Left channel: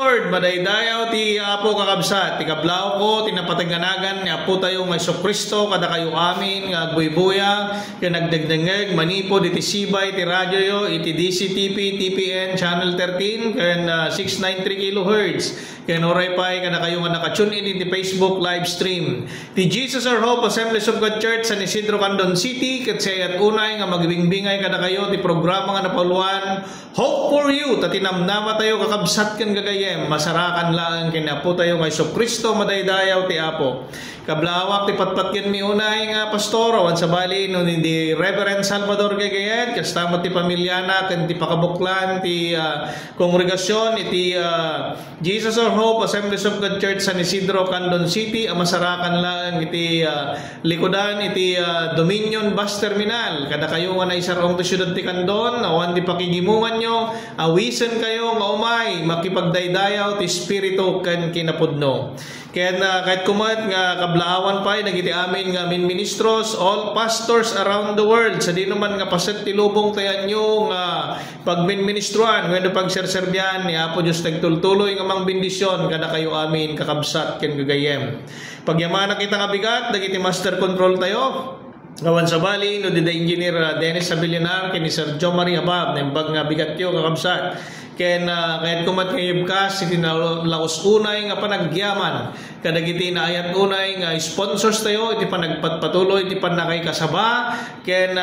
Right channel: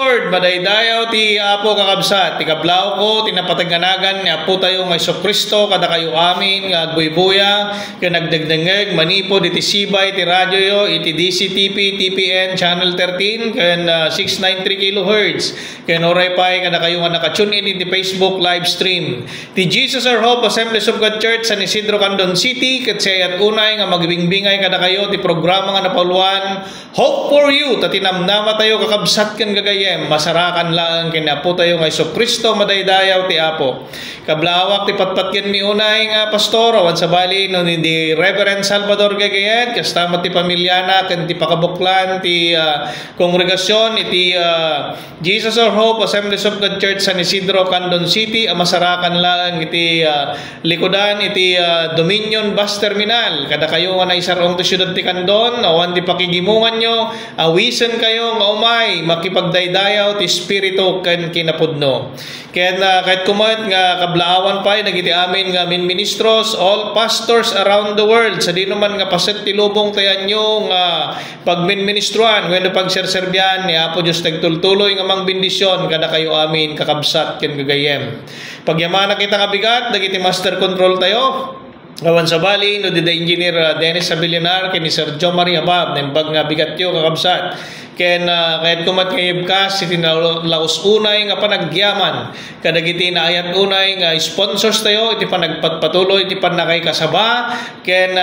Lord, madaydayaw ti Apo kakabsat, ti kablaw ko, tinapataganagan ni Apo tayo ng Kristo, kada kayo amin, nga agbuy-buya, kaya nagdagdangag, manipod, iti sibay, ti radyo yo, iti DCTP, TPN, Channel 13, kaya 693 kHz, kaya noray pa'y kada kayo nga nakatune in iti Facebook live stream. Ti Jesus Our Hope, Assemblies of God Church, San Isidro, Candon City, kat siya at unay nga magbingbingay kada kayo, ti programa nga napuluan, Hope for You, tatinamnama tayo kakabsat kan gagayem, masarakan lang kinapo tayo ng Kristo, madaydayaw ti Apo. Kablawak ti patpatyan mi unay nga pastor, awan sa bali no ni Reverend Salvador Gagayan, kastamat ti pamilyana, kan ti pakabuklan, ti kongregasyon, iti Jesus Our Hope, Assemblies of God Church, San Isidro, Candon City, masarakan lang iti likodan, iti Dominion Bus Terminal. Kada kayo nga naisarong ti syudad ti Candon, awan ti pakigimungan nyo, awisen kayo nga umay, makipagdaydayaw ti Espiritu kan kinapudno. Kaya kahit kumat nga kablaawan pa, nagiti amin nga ministros, all pastors around the world, sa di naman nga paset ti lubong tayan nyo nga pagminministruan, when pagserserbian ni Apo Diyos nagtultuloy nga mang bendisyon, kada kayo amin kakabsat ken gagayem. Pagyamana kita nga bigat, nagiti master control tayo, gawan sa bali, no di da engineer Dennis Abilianar, ken ni Sir Joe Maria Bab, nembag nga bigat yo kakabsat. Kahit kumat ngayib ka, iti laos unay nga panagyaman, kadagiti na ayat unay nga sponsors tayo, iti panagpatuloy, iti panakay kasaba, ken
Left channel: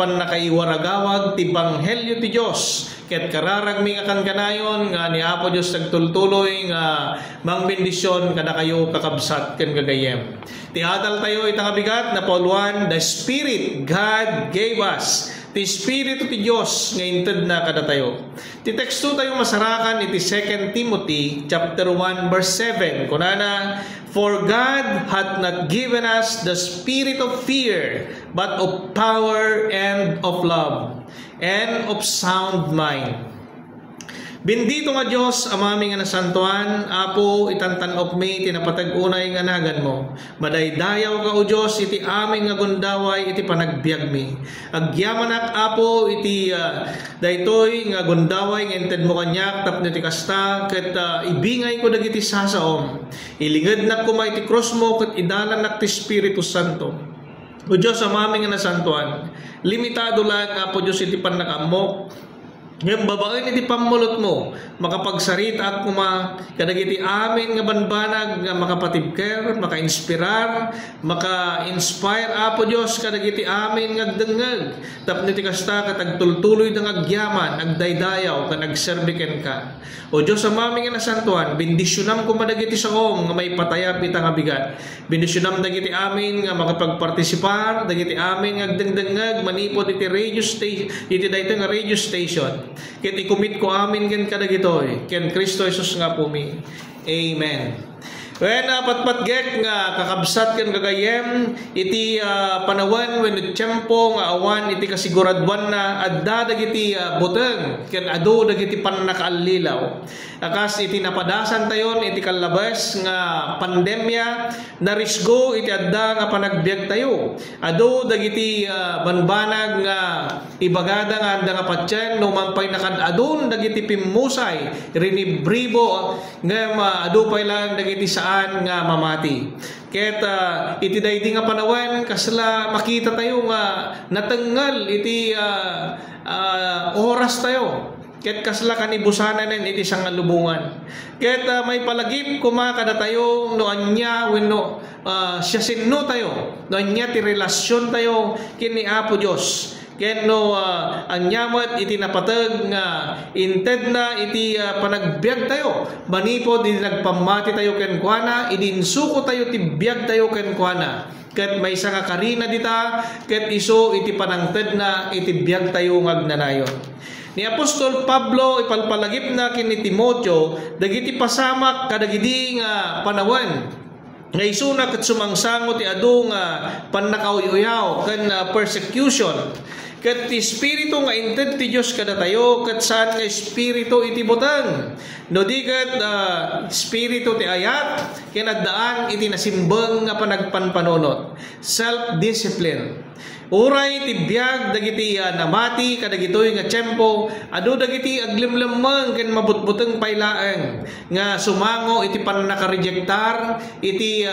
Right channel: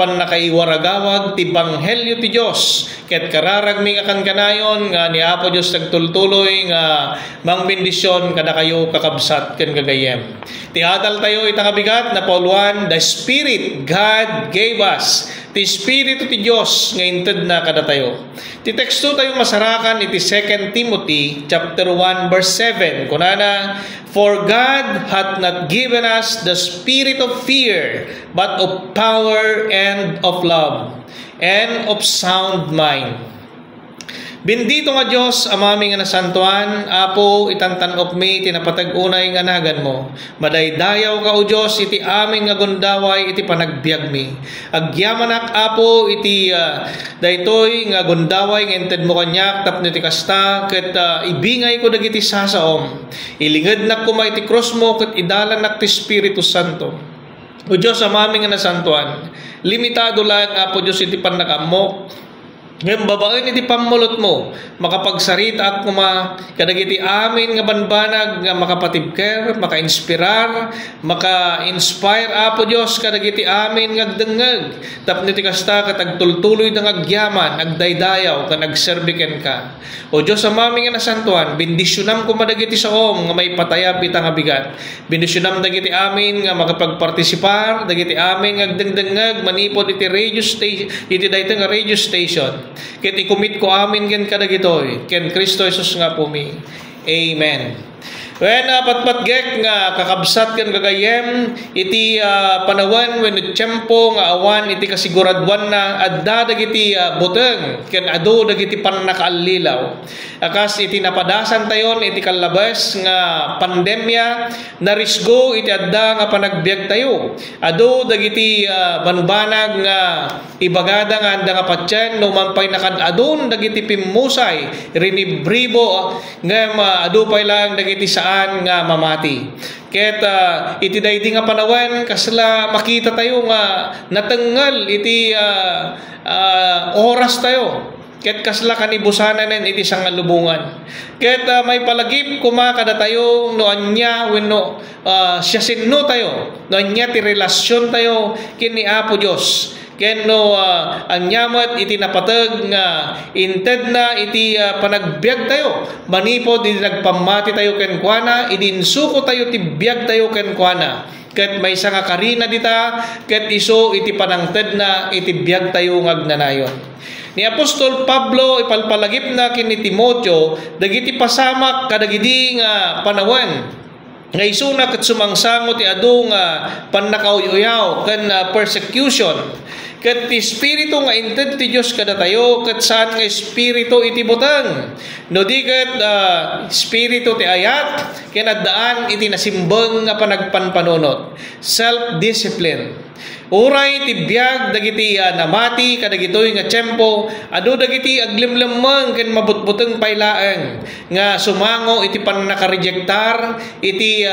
panakaiwaragawag, ti Banghelyo ti Diyos, ket kararagmi nga kanayon, nga ni Apo Diyos nagtultuloy, nga mang bendisyon, kada kayo kakabsat, ken gagayem. Ti adal tayo itang abigat, na Paul 1, the Spirit God gave us, ti Espiritu ti Diyos nga inted na kada tayo. Ti teksto tayo masarakan iti 2 Timothy chapter 1 verse 7. Kunana, for God hath not given us the spirit of fear, but of power and of love and of sound mind. Bendito nga Diyos, amami nga nasantuan, Apo, itantanok mi, tinapatag-unay nga nagan mo. Madaydayaw ka o Diyos, iti amin nga gundaway, iti panagbiag mi. Agyamanak, Apo, iti daytoy nga gundaway, nga inted mo kanyak, tapno ti kasta, ket ibingay ko dagiti sasaom. Ilingad nak kumay ti cross mo, ket idalan nak ti Espiritu Santo. O Diyos, amami nga nasantuan, limitado lang, Apo Diyos, iti panakamok, ngayon babaen iti pamulot mo, makapagsarita at kuma, kadagiti amin nga banbanag, nga makapatibker, maka-inspirar, maka-inspire, Apo Diyos, kadagiti amin nga agdengag, tapno ti kasta katagtultuloy ng agyaman, agdaydayaw, ka nagserbiken ka. O Diyos, amami nga nasantuan, bendisyonam kumadagiti saom, nga may patayap itang abigat. Bendisyonam dagiti amin, nga makapagpartisipar, dagiti amin nga agdengdengag, manipod iti radio station, iti dayto nga radio station. Ket ikumit ko amin ken kadagitoy ken Kristo Jesus nga pumi. Amen. When patpatgek nga kakabsat ken gagayem iti panawan when tiyempo nga awan iti kasiguradwan na adda dagiti buteng ken adu dagiti pannakaallilaw. Akas iti napadasan tayon iti kalabas nga pandemya narisgo iti adda nga panagbiag tayo. Adu dagiti banbanag nga ibagada nga anda nga patyan no manpay nakadadun dagiti pimmusay rinibribo nga adu pay lang dagiti saan nga mamati. Ket iti daydi nga panawan kasla makita tayo nga natengel iti oras tayo. Ket kasla kanibusanan iti sangalubungan. Ket may palagip kumakada tayo no anya wenno siya sinno tayo. No anya ti relasyon tayo kini Apo Dios. Ken no anyamat iti napateg nga inted na iti panagbiag tayo. Manipod iti nagpamati tayo ken kuana, idinsuko tayo ti biag tayo ken kuana. Ket may nga karina dita, ket iso iti panangted na iti biag tayo ngagnanayon. Ni Apostol Pablo ipalpalagip na kini Timoteo dagiti pasamak kadagidi nga panawan nga isuna ket sumangsango ti adu nga pannakauyaw ken persecution. Ket ti Espiritu nga inted ti Dios kada tayo ket saan nga espiritu iti butang. No di ket espiritu ti ayat ken addaan iti nasimbeng nga panagpanpanunot. Self-discipline. Uray ti biag dagiti namati kadagitoy nga tiyempo, adu dagiti aglimlemeng ken mabutbuteng paylaeng nga sumango iti pannakarijektar iti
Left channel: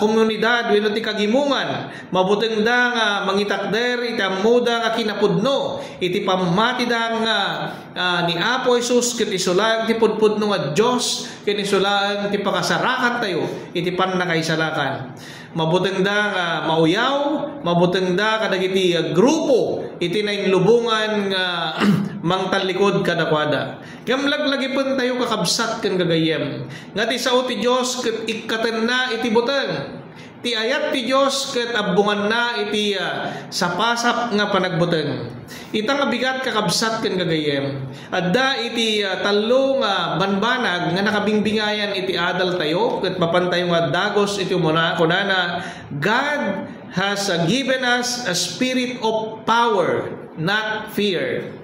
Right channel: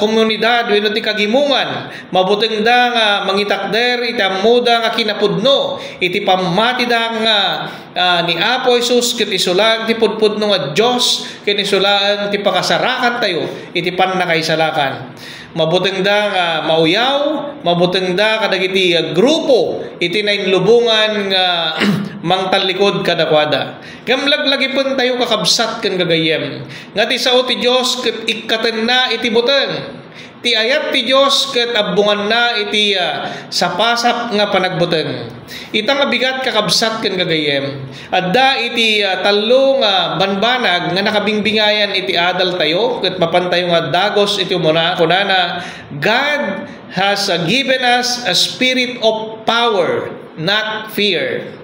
komunidad wenno ti kagimungan, mabuteng da nga mangitakder iti ammoda nga kinapudno iti pammati da nga ni Apo Jesus ket isulag ti pudpudno nga Dios ken isulaan ti pakasarakan tayo iti pannakaisalakan. Mabuteng da nga mauyaw, mabuteng da kadagiti grupo iti nainlubungan nga mangtalikod kadakwada. Gamlaglagi pun tayo kakabsat ken gagayem. Nga ti sao ti Dios ket ikkaten na iti buteng. Ti ayat ti Dios ket abbungan na iti sapasap nga panagbuteng. Itang bigat kakabsat ken gagayem. Adda iti tallo nga banbanag nga nakabingbingayan iti adal tayo ket mapantayo nga dagos iti kunana God has given us a spirit of power, not fear.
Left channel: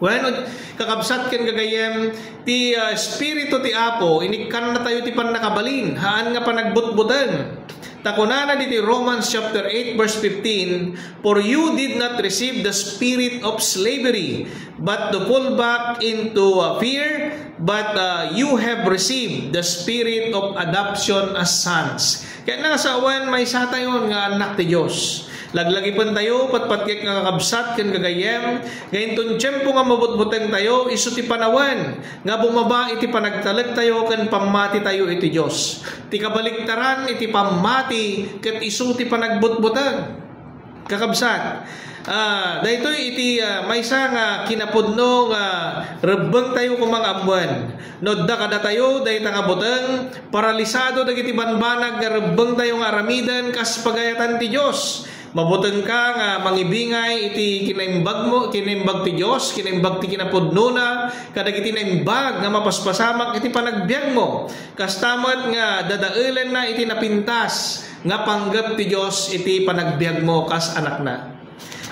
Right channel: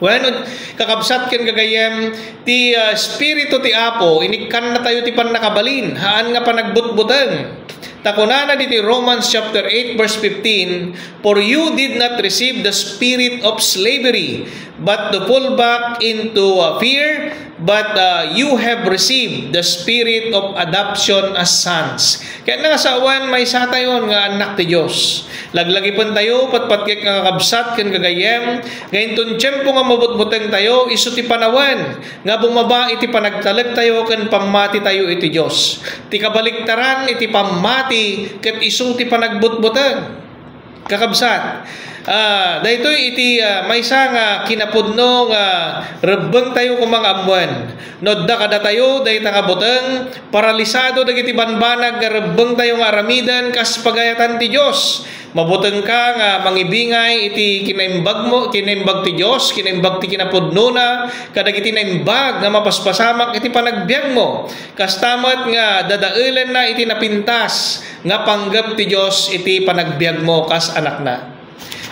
When kakabsat ken gagayem ti espiritu ti Apo inikkan na tayo ti pannakabalin haan nga panagbutbuteng. Takunana diti Romans chapter 8 verse 15, for you did not receive the spirit of slavery, but to fall back into fear, but you have received the spirit of adoption as sons. Kaya nga sa awan may sa tayon nga anak ti Diyos. Laglagi pun tayo, patpatkik nga kakabsat ken gagayem, ngayon ton tiyempo nga mabutbuteng tayo, iso ti panawan, nga bumaba iti panagtalag tayo, ken pammati tayo iti Diyos. Ti kabaliktaran iti pammati, ket iso ti panagbutbuteng. Kakabsat, daytoy iti maysa nga kinapudno nga rebbeng tayo kumangaamuan. Nodda kada tayo dayta nga buteng, paralisado dagiti banbanag nga rebbeng tayo nga aramidan kas pagayatan ti Dios. Mabuteng ka nga mangibingay iti kinaimbag mo, kinaimbag ti Dios, kinaimbag ti kinapudno na, kadagiti naimbag nga mapaspasamak iti panagbiag mo. Kastamat nga dadaelan na iti napintas nga panggap ti Dios iti panagbiag mo kas anak na.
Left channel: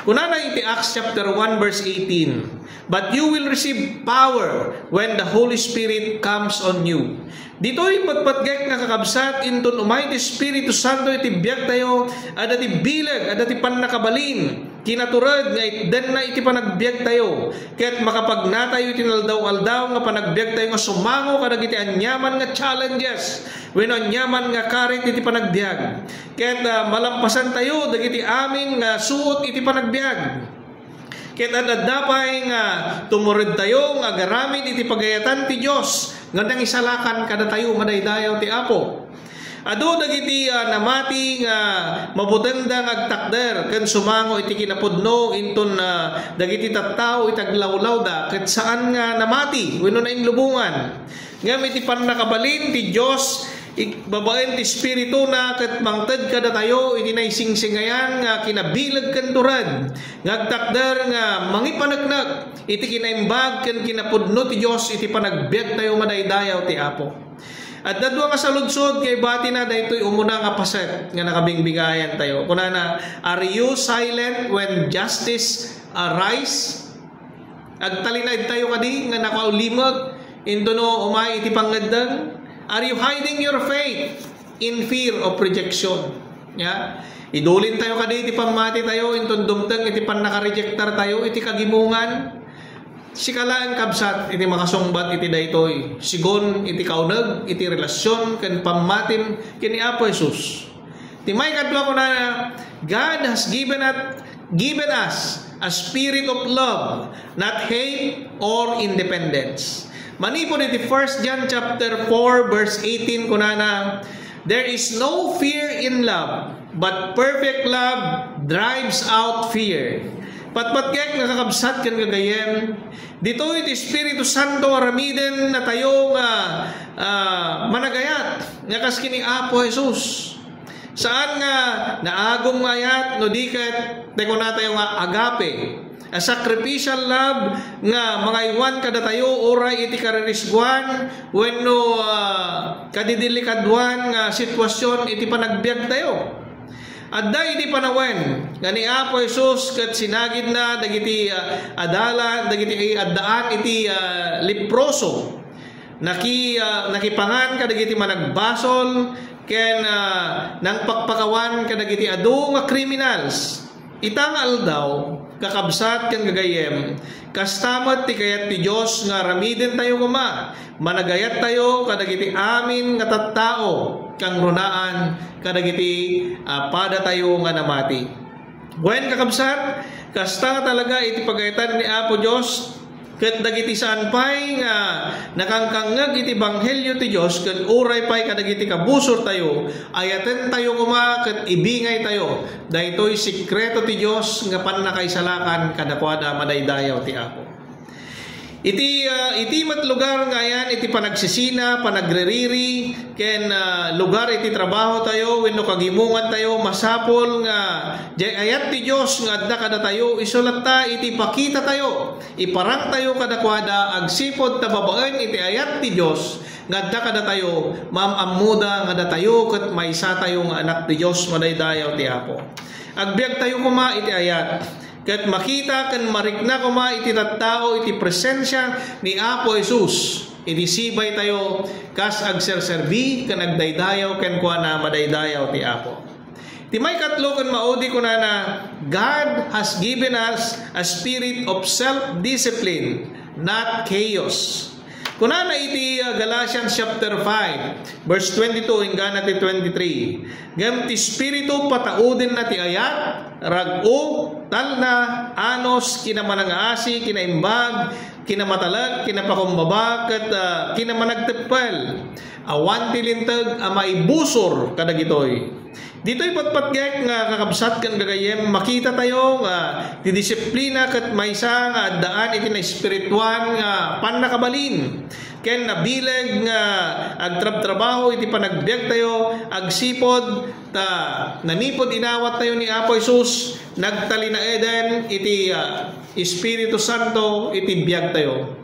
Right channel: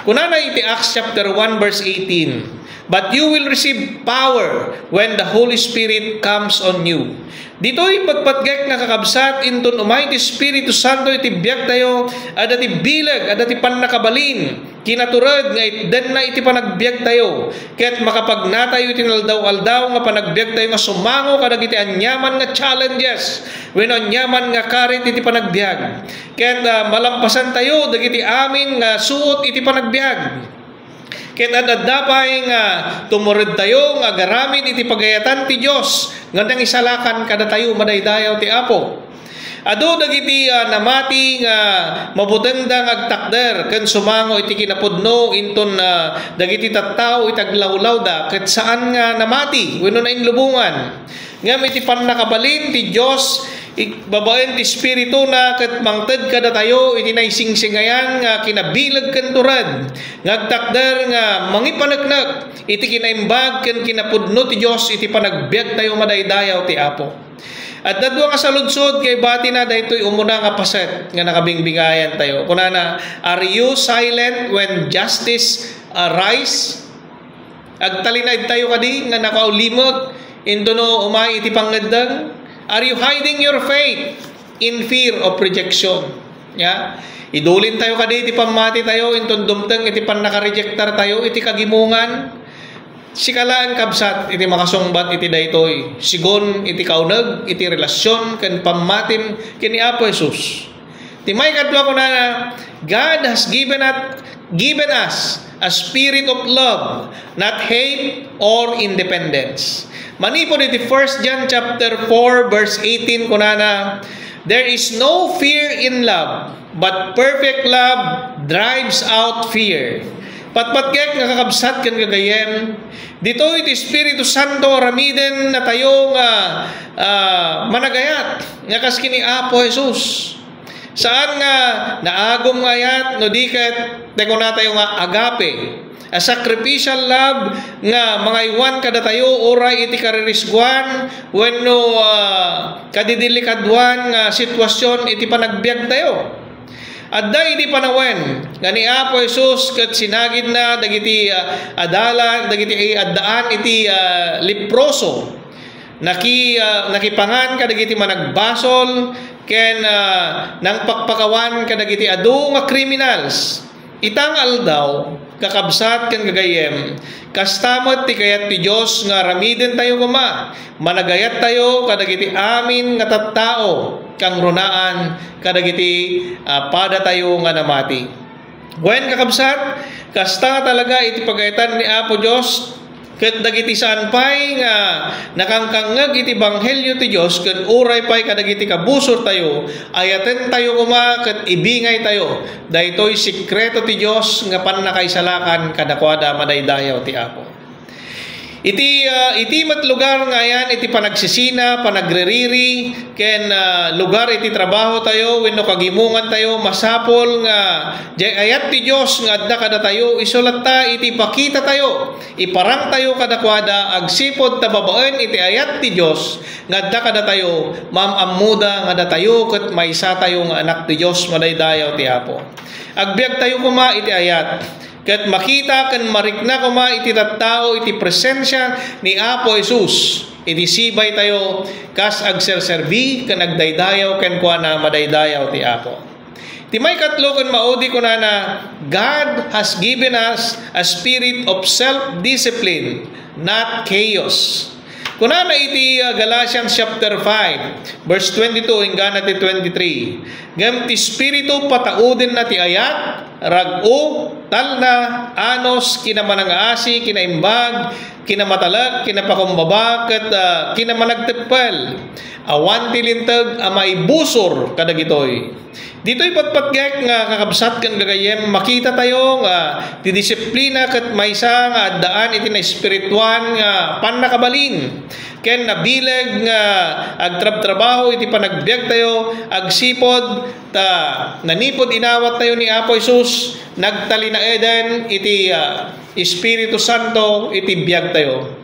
Kunana iti Acts chapter 1 verse 18. But you will receive power when the Holy Spirit comes on you. Dito'y pagpatgek nga kakabsat inton umay ti Espiritu Santo iti biag tayo, ada ti bilag, ada ti pannakabalin, kinaturad nga itden na iti panagbiag tayo, ket makapagnatayo iti naldaw-aldaw nga panagbiag tayo nga sumango kadagiti anyaman nga challenges, wenno anyaman nga karit iti panagbiag, ket malampasan tayo dagiti amin nga suot iti panagbiag. Ket adadapay nga tumured tayo nga garamid iti pagayatan ti Dios ngandang isalakan kada tayo madaydayaw ti Apo. Adu dagiti namati nga mabuteng da agtakder ken sumango iti kinapudno inton dagiti tattao itaglawlaw da ket saan nga namati wenno na inlubungan. Ngem iti pannakabalin ti Dios babaen ti espiritu na ket mangted kada tayo iti naisingsingayan nga kinabilag ken turad ngagtakder nga mangipaneknek iti kinaimbag ken kinapudno ti Dios iti panagbiag tayo madaydayaw ti Apo. At dadwa nga sa lunsod kay bati na daytoy umuna nga paset nga nakabingbingayan tayo. Kunana, are you silent when justice arise? Agtalinaid tayo kadi nga nakaulimag intono umay iti pangngaddang. Are you hiding your faith in fear of rejection? Ya, idulin tayo kadi iti pamati tayo inton dumteng iti pannakarijektar tayo iti kagimungan. Sikalaan kabsat iti makasungbat iti daytoy. Sigon iti kauneg iti relasyon ken pammatim ken ni Apo Jesus. Ti may kadwa kunana, God has given us a spirit of love, not hate or independence. Manipod iti 1 John chapter 4 verse 18 kunana, there is no fear in love, but perfect love drives out fear. Patpatkek nga kakabsat ken gagayem, dito iti Espiritu Santo ramiden na tayo nga managayat nga kaskini Apo Jesus. Saan nga naagom nga ayat no diket teko na tayo nga agape, a sacrificial love nga mga iwan kada tayo oray iti karirisguan wenno kadidelikadwan nga sitwasyon iti panagbiag tayo. Adda iti panawen nga ni Apo Jesus ket sinagid na dagiti adalan dagiti addaan iti leproso nakipangan kadagiti managbasol ken nang pakpakawan kadagiti adu nga criminals Itang aldaw, kakabsat kan gagayem, kastamat ti kayat ti Diyos nga ramiden tayo kuma, managayat tayo kadagiti amin nga tattao, kang runaan kadagiti pada tayo nga namati. Wen kakabsat, kasta talaga iti pagayatan ni Apo Diyos, ket dagiti saan pay nga nakangkangag iti banghelyo ti Dios ken uray pay kadagiti kabusor tayo ayaten tayo kuma ket ibingay tayo daytoy sikreto ti Dios nga pannakaisalakan kadakwada madaydayaw ti Apo. Iti met lugar nga yan iti panagsisina, panagreriri ken lugar iti trabaho tayo wenno kagimungan tayo masapol nga ayat ti Dios nga adda kada tayo isulat ta iti pakita tayo iparang tayo kadakwada agsipod ta babaen iti ayat ti Dios nga adda kada tayo mamamuda nga da tayo ket maysa tayo nga anak ti Dios madaydayaw ti Apo. Agbiag tayo kuma iti ayat ket makita ken marikna kuma iti tattao iti presensya ni Apo Jesus iti sibay tayo kas agserserbi ken agdaydayaw ken kuana madaydayaw ti Apo. Ti may katlo ken maudi kunana God has given us a spirit of self-discipline, not chaos. Kunana iti Galatians chapter 5 verse 22 hinggan ti 23. Ngem ti spiritu patauden na ti ayat rag-o talna anos kinamanangasi kinaimbag kinamatalag kinapakumbaba ket kinamanagtepel awan ti linteg a maibusor kadagitoy. Dito'y patpatgek nga kakabsat kan gagayem makita tayo nga ti disiplina ket maysa nga addaan iti na espirituan nga pannakabalin ken nabileg nga agtrab-trabaho iti panagbiag tayo agsipod ta nanipod inawat tayo ni Apo Jesus nagtalinaeden iti Espiritu Santo iti biag tayo.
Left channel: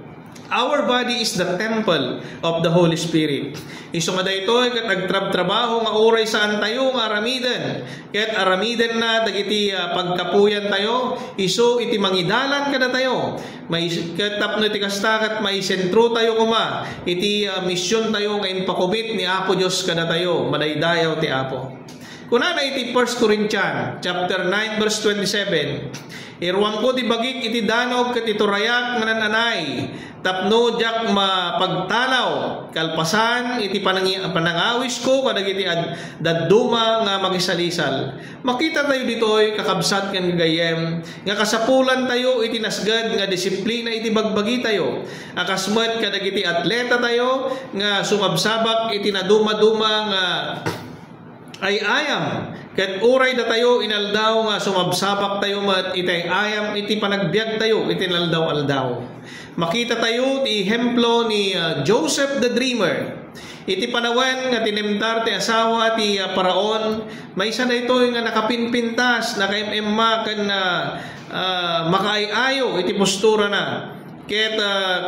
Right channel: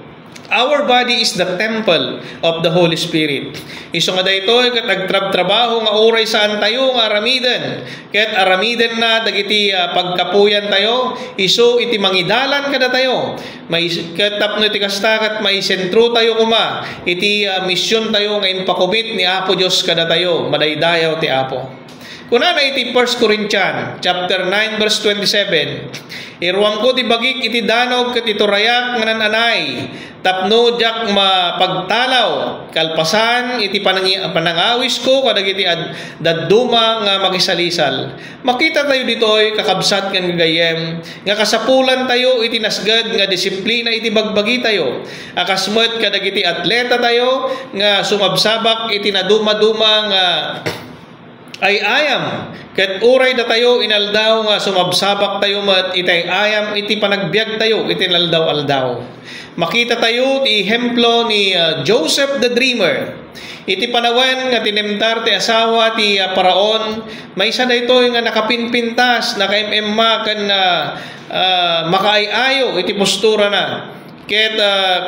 Our body is the temple of the Holy Spirit. Iso nga daytoy ket agtrab-trabaho nga oray saan tayo nga aramiden. Ket aramiden na dagiti pagkapuyan tayo, iso iti mangidalan kada tayo. May ket tapno iti kasta ket may sentro tayo kuma. Iti misyon tayo nga impakubit ni Apo Dios kada tayo, madaydayaw ti Apo. Kunana iti 1 Corinthians chapter 9 verse 27. Irwang ko ti bagik iti danog ket iturayak nga nananay tapno jak mapagtalaw kalpasan iti panangawis ko kadagiti dadduma nga makisalisal. Makita tayo ditoy kakabsat ken gagayem nga kasapulan tayo iti nasged nga disiplina iti bagbagi tayo. Akasmet kadagiti atleta tayo nga sumabsabak iti naduma-duma nga ay ayam ket uray da tayo inaldaw nga sumabsabak tayo met itay ayam iti panagbiag tayo iti naldaw-aldaw. Makita tayo ti ehemplo ni Joseph the Dreamer. Iti panawen nga tinemtar ti asawa ti Paraon maysa daytoy nga nakapinpintas nakaimemma ken makaayayo iti postura na. Ket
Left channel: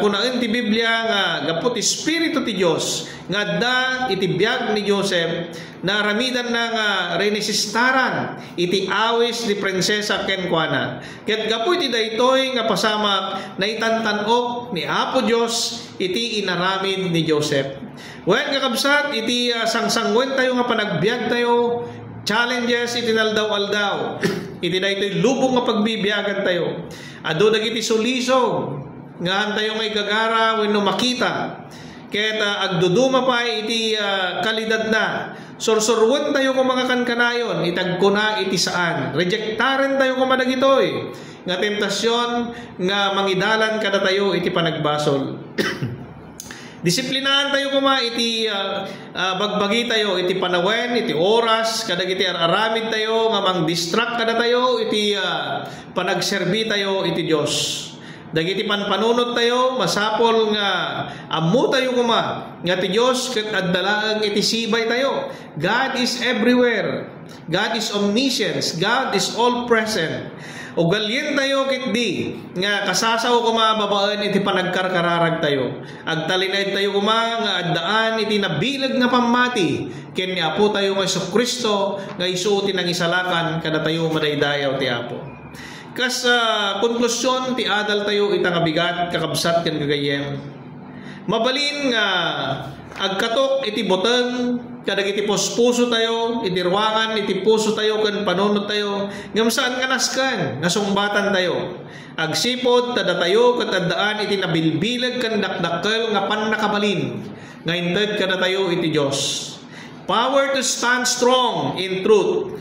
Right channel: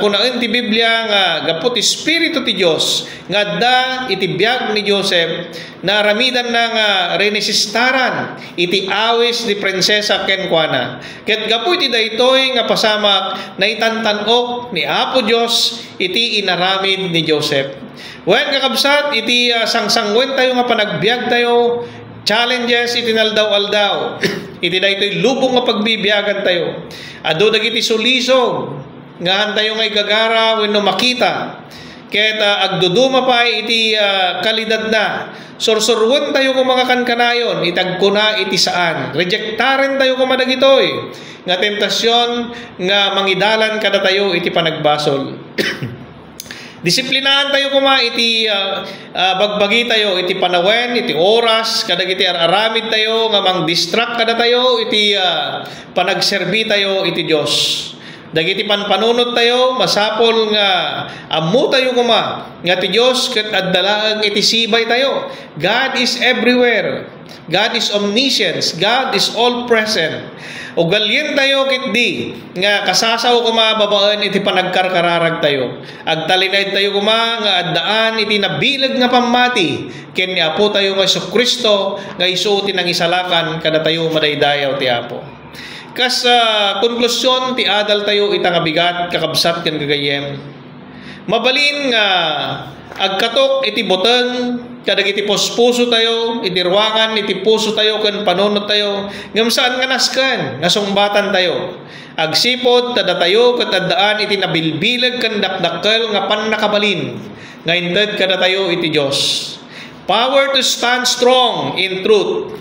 kunaen ti Biblia nga gapot Espiritu ti Dios nga adda iti biag ni Joseph na ramidan na nga renesistaran iti awis ni prinsesa ken kuana. Ket gapu iti daytoy nga pasamak na itantanok ni Apo Dios iti inaramid ni Joseph. Wen kakabsat iti sangsangwen tayo nga panagbiag tayo challenges iti naldaw-aldaw. Iti daytoy lubong nga pagbibiyagan tayo. Adu dagiti sulisog nga tayo ngay gagara wenno makita ket agduduma pa iti kalidad na sorsorwen tayo kung mga kankanayon itagkuna iti saan rejektaren tayo kung madagitoy nga tentasyon nga mangidalan kada tayo iti panagbasol. Disiplinahan tayo kuma iti bagbagi tayo iti panawen iti oras kadagiti aramid tayo nga mang distract kada tayo iti panagserbi tayo iti Dios. Dagiti panpanunot tayo masapol nga ammo tayo kuma nga ti Dios ket addalaeng iti sibay tayo. God is everywhere. God is omniscient. God is all present. O galyen tayo ket di nga kasasaw kuma babaen iti panagkarkararag tayo. Agtalinay tayo kuma nga addaan iti nabilag nga pamati ken ni Apo tayo nga Jesucristo nga isu ti nangisalakan kada tayo madaydayaw ti Apo. Kas konklusyon ti adal tayo itang abigat kakabsat ken gagayem. Mabalin nga agkatok iti boteng kadagiti puso tayo, idirwangan, iti puso tayo, kan panunod tayo, ngam saan nga naskan, nasumbatan tayo. Agsipod, tada tayo, katadaan, iti nabilbilag, kan dakdakkel, nga pan nakabalin, nga inted kada tayo, iti Diyos. Power to stand strong in truth,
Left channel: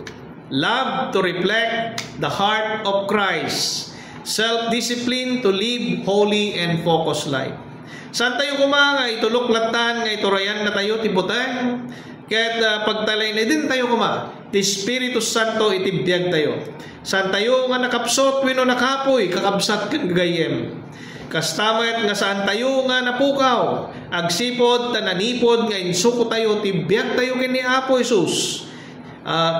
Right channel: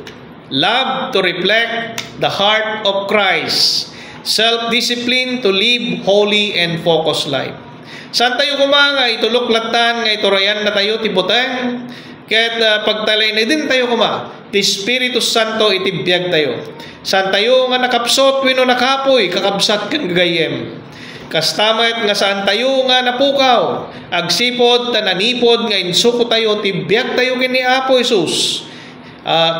love to reflect the heart of Christ, self-discipline to live holy and focused life. Saan tayo nga ituluklatan, nga iturayan na tayo, tibutang, kahit pagtalay na din tayo ti Espiritu Santo itibiyag tayo. Saan tayo nga nakapsot, wino nakapoy, kakabsat kan gagayem. Kastamat nga saan tayo nga napukaw, agsipod, tananipod, nga insuko tayo, tibiyag tayo kini Apo Jesus.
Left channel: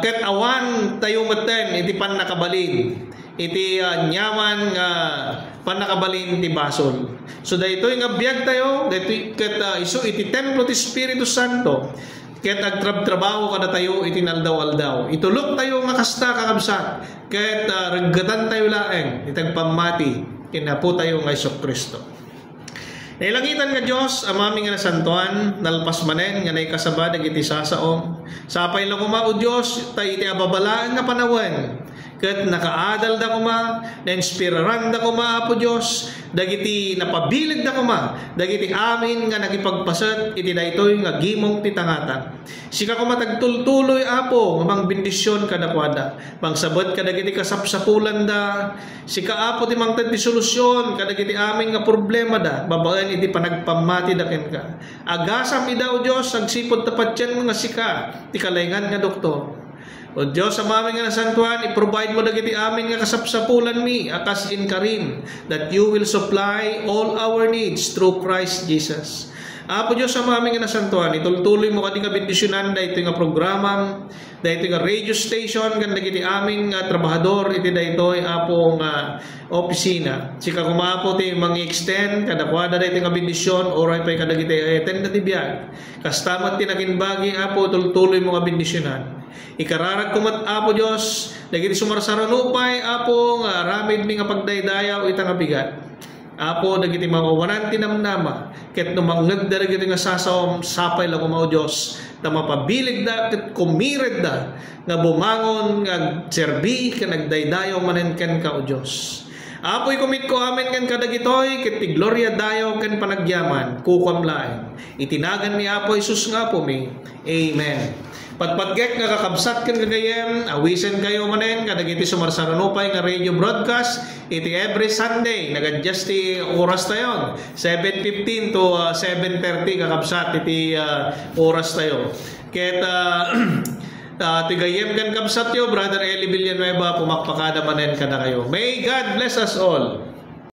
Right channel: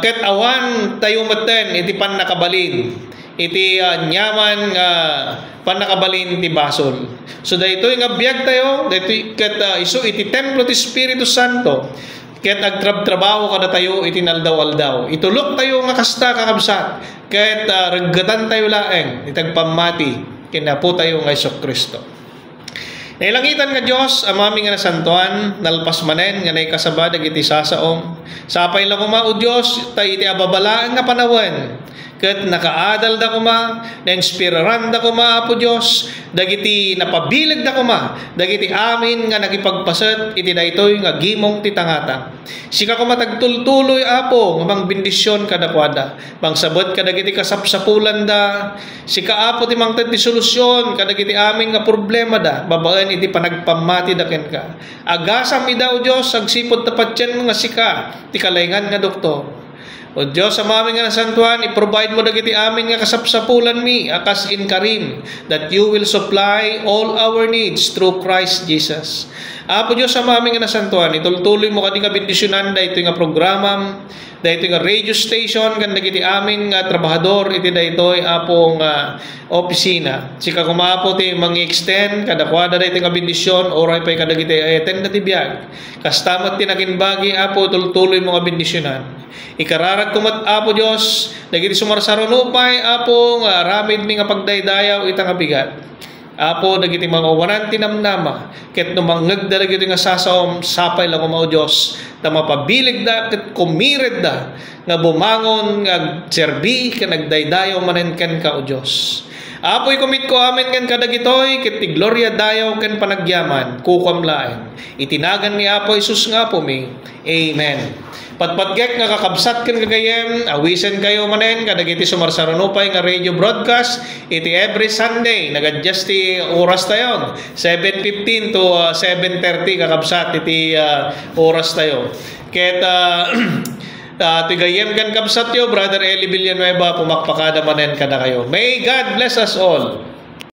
Ket awan tayo maten, iti pan nakabalin. Iti nyaman nga panakabalin ti basol. So daytoy nga biag tayo, daytoy ket isu iti templo ti Espiritu Santo. Ket agtrabaho kada tayo iti naldaw-aldaw. Itulok tayo nga kasta kakabsat. Ket reggatan tayo laeng itagpamati kinapo tayo nga Kristo. Nailangitan nga Diyos, amami nga nasantuan, nalpas manen, nga naikasabad, iti sasaong. Sapay lang o Diyos, tayo iti ababalaan nga panawan. Kat nakaadal da kuma, na-inspiraran da kuma, Apo Diyos, dagiti napabilag da kuma, dagiti amin nga nagipagpasat, iti daytoy nga gimong titangata. Sika kuma tagtultuloy, Apo, nga mang bendisyon kadakwada, mang sabot kadagiti kasapsapulan da, sika Apo ti mang ti solusyon, kadagiti amin nga problema da, babaan iti panagpamati da ken ka. Agasam idaw Diyos, agsipod tapat yan mga sika, ti kalayngan nga doktor. O Diyos, sa amin nga nasantuan, i-provide mo dagiti amin nga kasapsapulan mi, akas in karim, that you will supply all our needs through Christ Jesus. Apo Diyos, sa amin nga nasantuan, itultuloy mo kadi nga bendisyonan, da ito nga programa, da ito nga radio station, kan dagiti amin nga trabahador, iti da ito Apo nga opisina. Sika kumapo ti mangi-extend, kadakwada da ito nga bendisyon, oray pa'y kadagiti ayeten na tibiyag. Kastamat tinakinbagi, Apo, tultuloy mo nga bendisyonan. Ikararag kumat, Apo Diyos, dagiti sumarsarunupay, Apo, nga ramid mi nga pagdaydayaw, itang abigat. Apo, dagiti mga wanan tinamnama, ket numangeg da dagiti nga sasaom, sapay lang o Diyos, na mapabilig da, ket kumired da, nga bumangon, nga serbi, ka nagdaydayaw manenken ka o Diyos. Apo'y kumit ko amin kan kadagitoy, ket ti gloria dayaw ken panagyaman, kukamlaen. Itinagan ni Apo Jesus nga po mi. Amen. Patpatgek nga kakabsat ken kagayem, awisen kayo manen kadagiti sumarsarunupay nga radio broadcast iti every Sunday nagadjust ti oras tayon 7:15 to 7:30 kakabsat iti oras tayo. Ket tigayem kan kabsat yo Brother Eli Villanueva pumakpakada manen kada kayo. May God bless us all.